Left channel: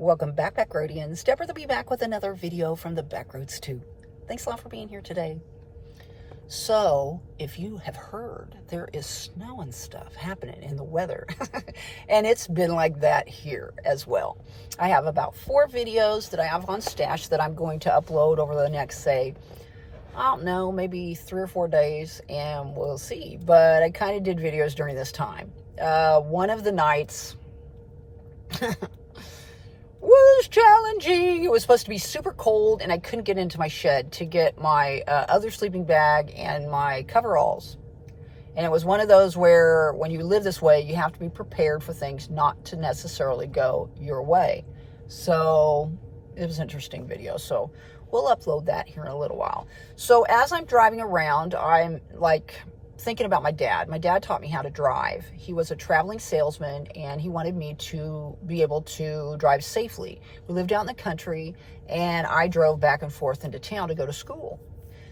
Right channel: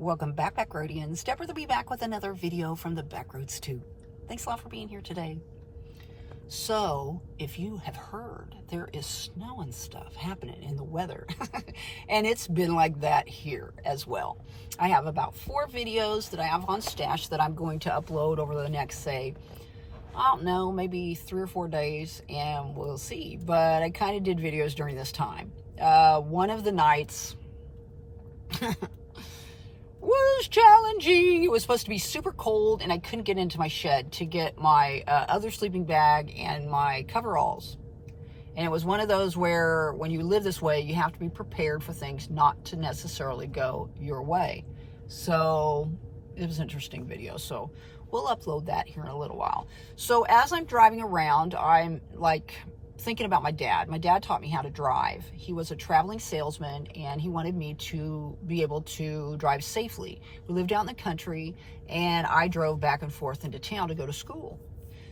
Welcome back, Backroadians. Deborah will be back with another video from the Backroads 2. Thanks a lot for being here today. So, if you have heard, there is snow and stuff happening in the weather. And it's been like that here as well. I have about 4 videos that I have on stash that I'm going to upload over the next, say, I don't know, maybe 3 or 4 days, and we'll see. But I kind of did videos during this time. One of the nights was challenging. It was supposed to be super cold, and I couldn't get into my shed to get my other sleeping bag and my coveralls. And it was one of those where when you live this way, you have to be prepared for things not to necessarily go your way. So it was an interesting video. So we'll upload that here in a little while. So as I'm driving around, I'm like thinking about my dad. My dad taught me how to drive. He was a traveling salesman, and he wanted me to be able to drive safely. We lived out in the country, and I drove back and forth into town to go to school.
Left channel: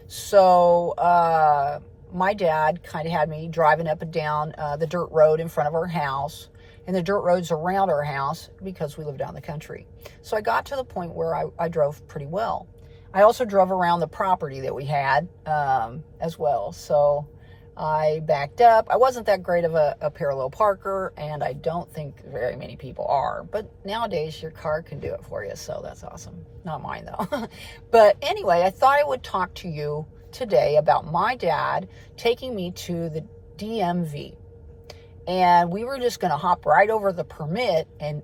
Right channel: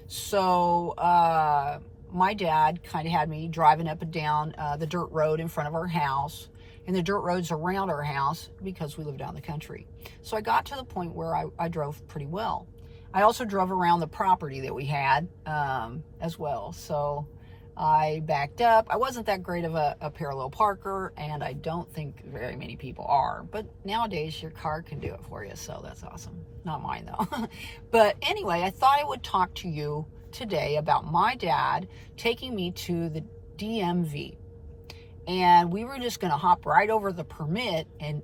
So my dad kind of had me driving up and down the dirt road in front of our house and the dirt roads around our house because we lived out in the country. So I got to the point where I drove pretty well. I also drove around the property that we had as well. So I backed up. I wasn't that great of a parallel parker, and I don't think very many people are. But nowadays, your car can do it for you, so that's awesome. Not mine, though. But anyway, I thought I would talk to you today about my dad taking me to the DMV. And we were just going to hop right over the permit and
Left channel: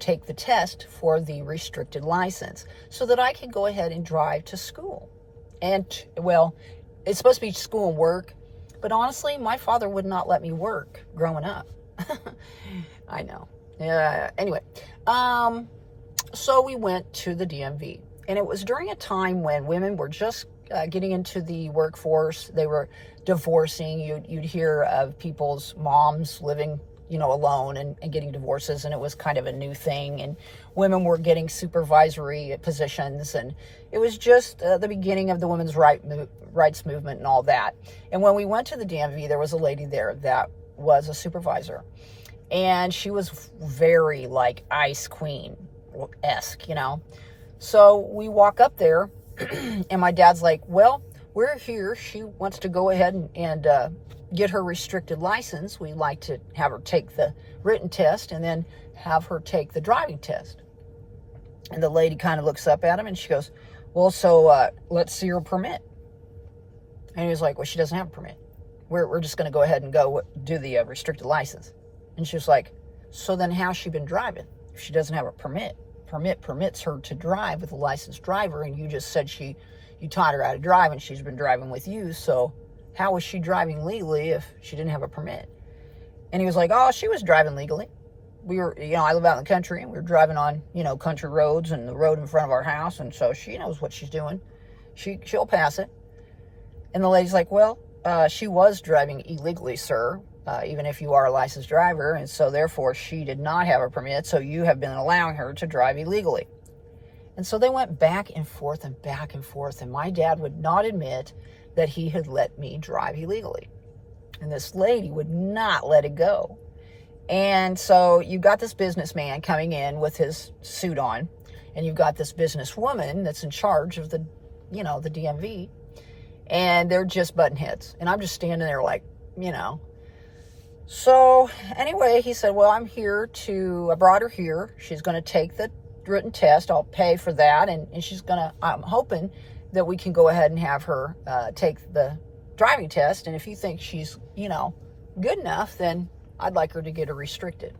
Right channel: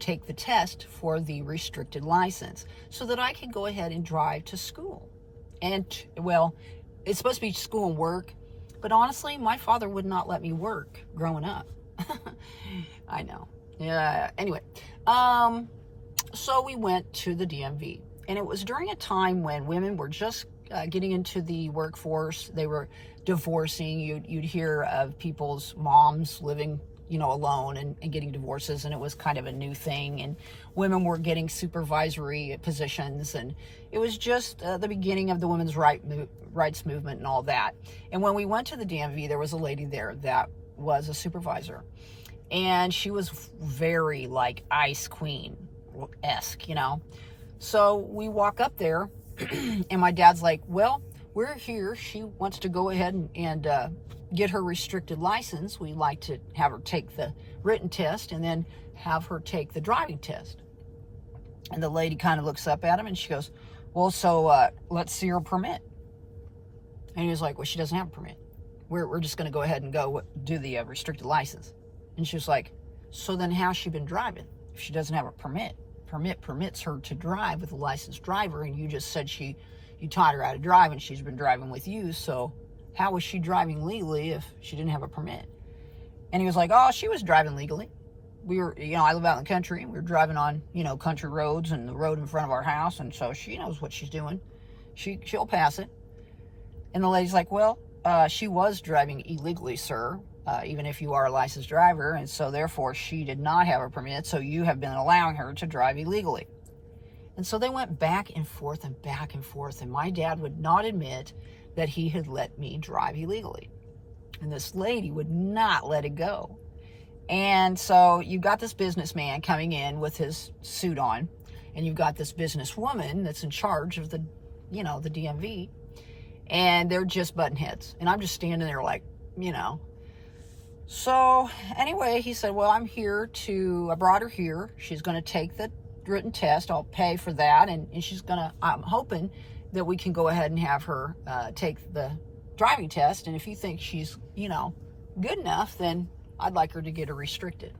take the test for the restricted license so that I could go ahead and drive to school. And, well, it's supposed to be school and work. But honestly, my father would not let me work growing up. I know. Anyway, so we went to the DMV. And it was during a time when women were just getting into the workforce. They were divorcing. You'd hear of people's moms living, alone and getting divorces. And it was kind of a new thing. And women were getting supervisory positions. And it was just the beginning of the women's rights movement and all that. And when we went to the DMV, there was a lady there that was a supervisor. And she was very like Ice Queen-esque, So we walk up there and my dad's like, well, we're here. She wants to go ahead and get her restricted license. We'd like to have her take the written test and then have her take the driving test. And the lady kind of looks up at him and she goes, well, so let's see her permit. And he was like, well, she doesn't have a permit. We're just going to go ahead and go do the restricted license. And she was like, so then how's she been driving if she doesn't have a permit? Permit permits her to drive with a licensed driver, and you just said you taught her how to drive and she's been driving with you, so how was she driving legally if she didn't have a permit? And he was like, oh, she was driving legally. We were, I live out in the country, and we were driving on, country roads and the road in front of our house, and so she knows what she's doing. She'll pass it. And the lady's like, well, she was driving illegally, sir, even if you are a licensed driver, and so therefore she did not have a permit, so you have been allowing her to drive illegally. And so they went back and forth, and my dad would not admit that he had let me drive illegally. And this lady would not let it go. And so you've got this businessman coming in with his suit on, and you've got this businesswoman that's in charge of the DMV, and they're just butting heads. And I'm just standing there like, So anyway, he said, well, I brought her here. She's going to take the written test. I'll pay for that. And I'm hoping that we can go ahead and have her take the driving test. And if you think she's, good enough, then I'd like her to get her restricted.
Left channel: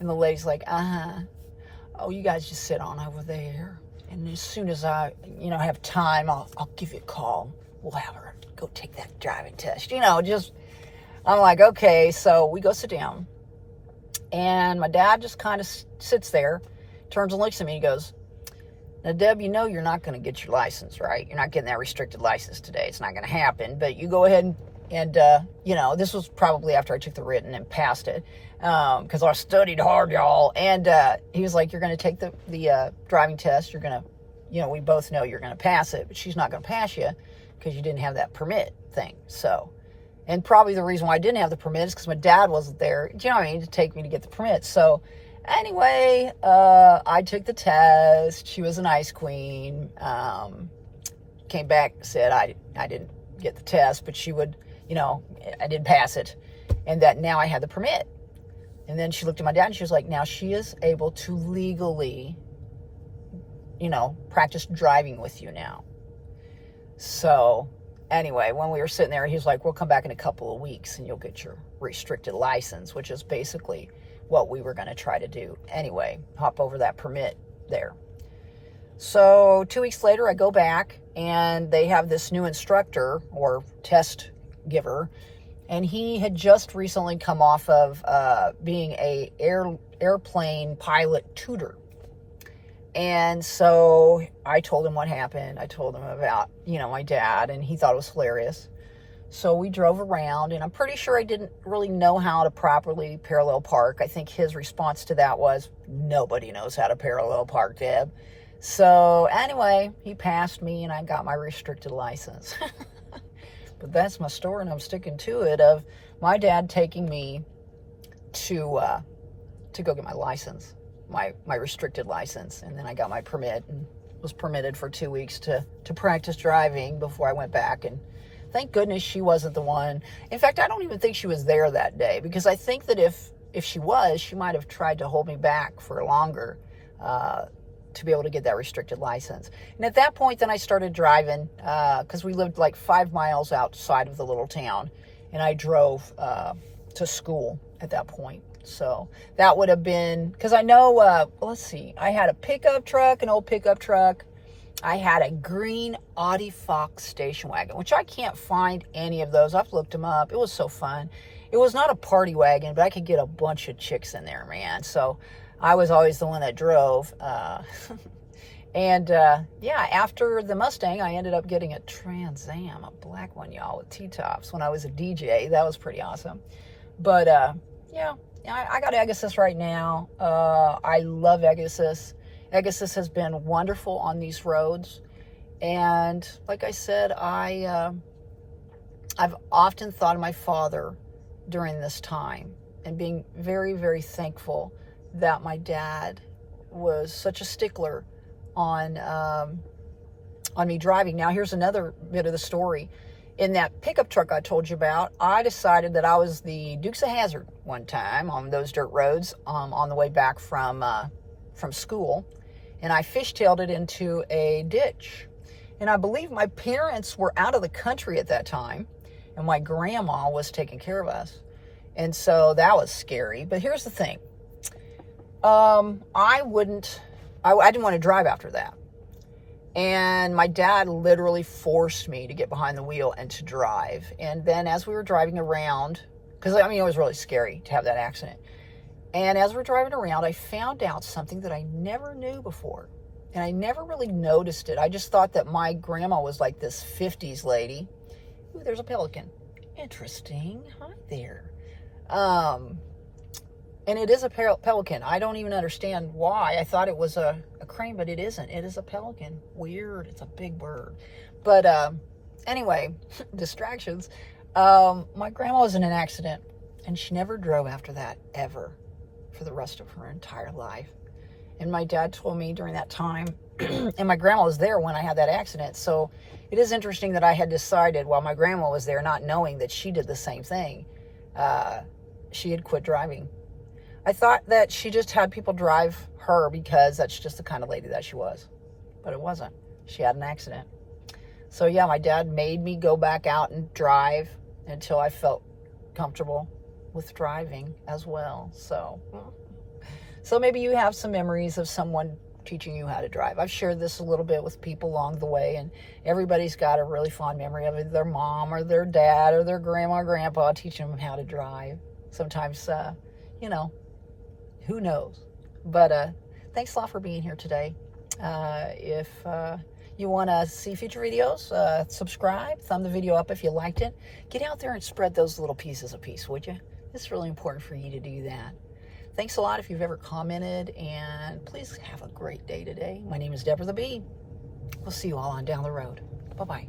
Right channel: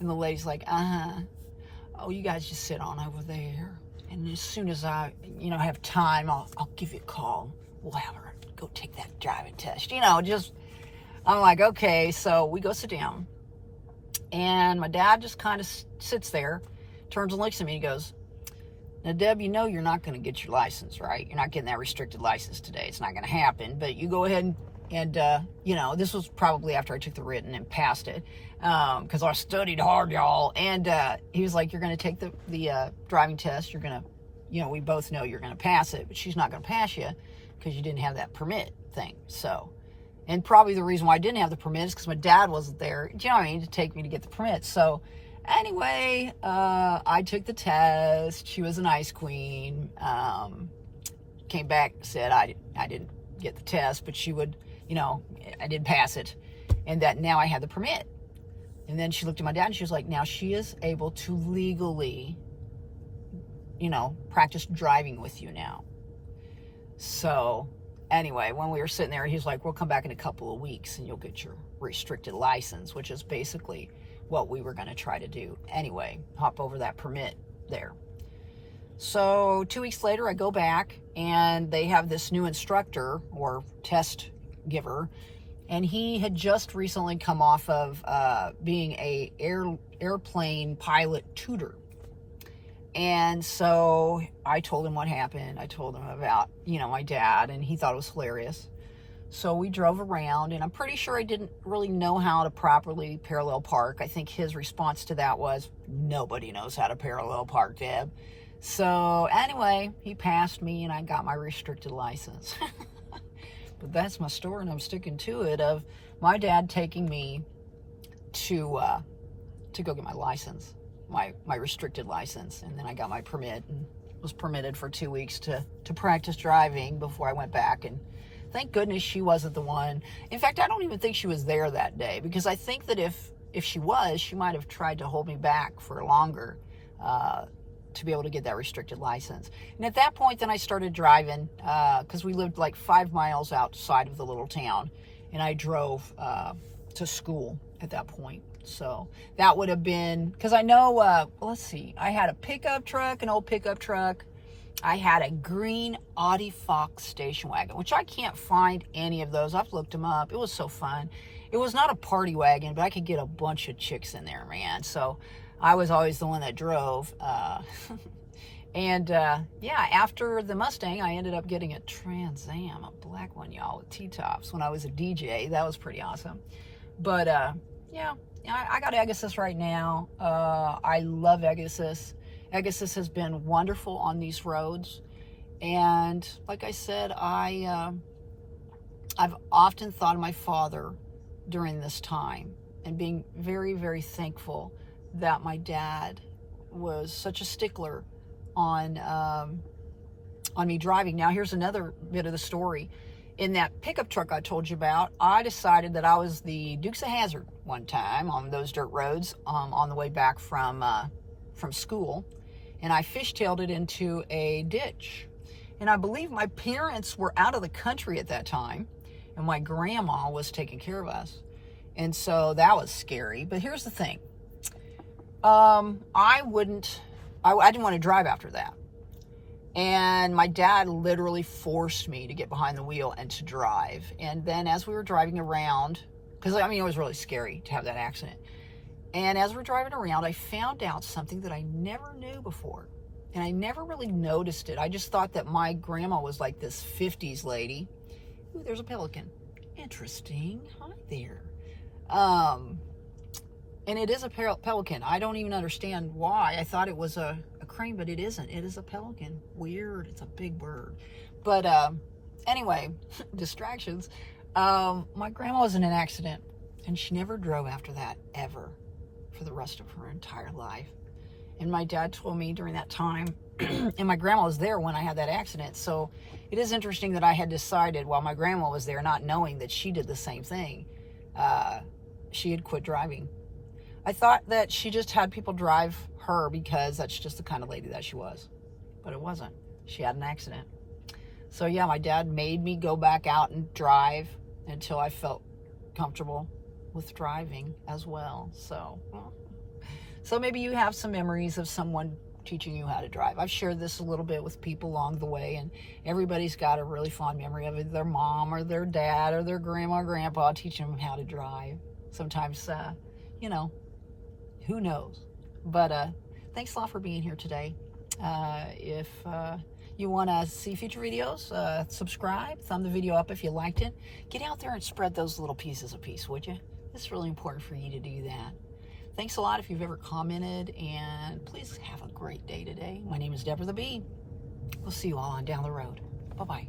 And the lady's like, oh, you guys just sit on over there. And as soon as I, have time, I'll give you a call. We'll have her go take that driving test. I'm like, okay. So we go sit down. And my dad just kind of sits there, turns and looks at me. He goes, now, Deb, you're not going to get your license, right? You're not getting that restricted license today. It's not going to happen. But you go ahead and this was probably after I took the written and passed it because I studied hard, y'all. And he was like, you're going to take the driving test. You're going to, we both know you're going to pass it, but she's not going to pass you because you didn't have that permit thing. So, and probably the reason why I didn't have the permit is because my dad wasn't there, to take me to get the permit. So Anyway, I took the test. She was an ice queen. Came back, said I didn't get the test, but she would, I didn't pass it, and that now I had the permit. And then she looked at my dad and she was like, now she is able to legally, practice driving with you now. So anyway, when we were sitting there, he was like, we'll come back in a couple of weeks and you'll get your restricted license, which is basically what we were going to try to do. Anyway, hop over that permit there. So 2 weeks later, I go back and they have this new instructor or test giver. And he had just recently come off of being a airplane pilot tutor. And so I told him what happened. I told him about, my dad, and he thought it was hilarious. So we drove around, and I'm pretty sure I didn't really know how to properly parallel park. I think his response to that was, nobody knows how to parallel park, Deb. So anyway, he passed me, and I got my restricted license. But that's my story, and I'm sticking to it, of my dad taking me to go get my license, my restricted license. And then I got my permit and was permitted for 2 weeks to practice driving before I went back. And thank goodness she wasn't the one. In fact, I don't even think she was there that day, because I think that if she was, she might have tried to hold me back for longer to be able to get that restricted license. And at that point, then I started driving, because we lived like 5 miles outside of the little town, and I drove to school at that point. So that would have been, because I know, let's see, I had a pickup truck, an old pickup truck. I had a green Audi Fox station wagon, which I can't find any of those. I've looked them up. It was so fun. It was not a party wagon, but I could get a bunch of chicks in there, man. So I was always the one that drove. And yeah, after the Mustang, I ended up getting a Trans Am, a black one, y'all, with T-tops when I was a DJ. That was pretty awesome. But yeah, I got Agassiz right now. I love Agassiz. Agassiz has been wonderful on these roads. And like I said, I've often thought of my father during this time and being very, very thankful that my dad was such a stickler on me driving. Now, here's another bit of the story. In that pickup truck I told you about, I decided that I was the Dukes of Hazzard one time on those dirt roads on the way back from school, and I fishtailed it into a ditch. And I believe my parents were out of the country at that time, and my grandma was taking care of us. And so that was scary. But here's the thing. I didn't want to drive after that. And my dad literally forced me to get behind the wheel and to drive. And then as we were driving around, because it was really scary to have that accident. And as we're driving around, I found out something that I never knew before. And I never really noticed it. I just thought that my grandma was like this 50s lady. Ooh, there's a pelican. Interesting. Hi there. And it is a pelican. I don't even understand why. I thought it was a crane, but it isn't. It is a pelican. Weird. It's a big bird. But anyway, distractions. My grandma was in an accident, and she never drove after that, ever, for the rest of her entire life. And my dad told me during that time, and my grandma was there when I had that accident. So it is interesting that I had decided while my grandma was there, not knowing that she did the same thing, she had quit driving. I thought that she just had people drive her because that's just the kind of lady that she was. But it wasn't. She had an accident. So yeah, my dad made me go back out and drive until I felt comfortable with driving as well. So maybe you have some memories of someone teaching you how to drive. I've shared this a little bit with people along the way, and everybody's got a really fond memory of it. Their mom or their dad or their grandma or grandpa teaching them how to drive. Sometimes, who knows? But thanks a lot for being here today. If you want to see future videos, subscribe, thumb the video up if you liked it. Get out there and spread those little pieces of peace, would you? It's really important for you to do that. Thanks a lot if you've ever commented, and please have a great day today. My name is Deborah the Bee. We'll see you all on down the road. Bye-bye.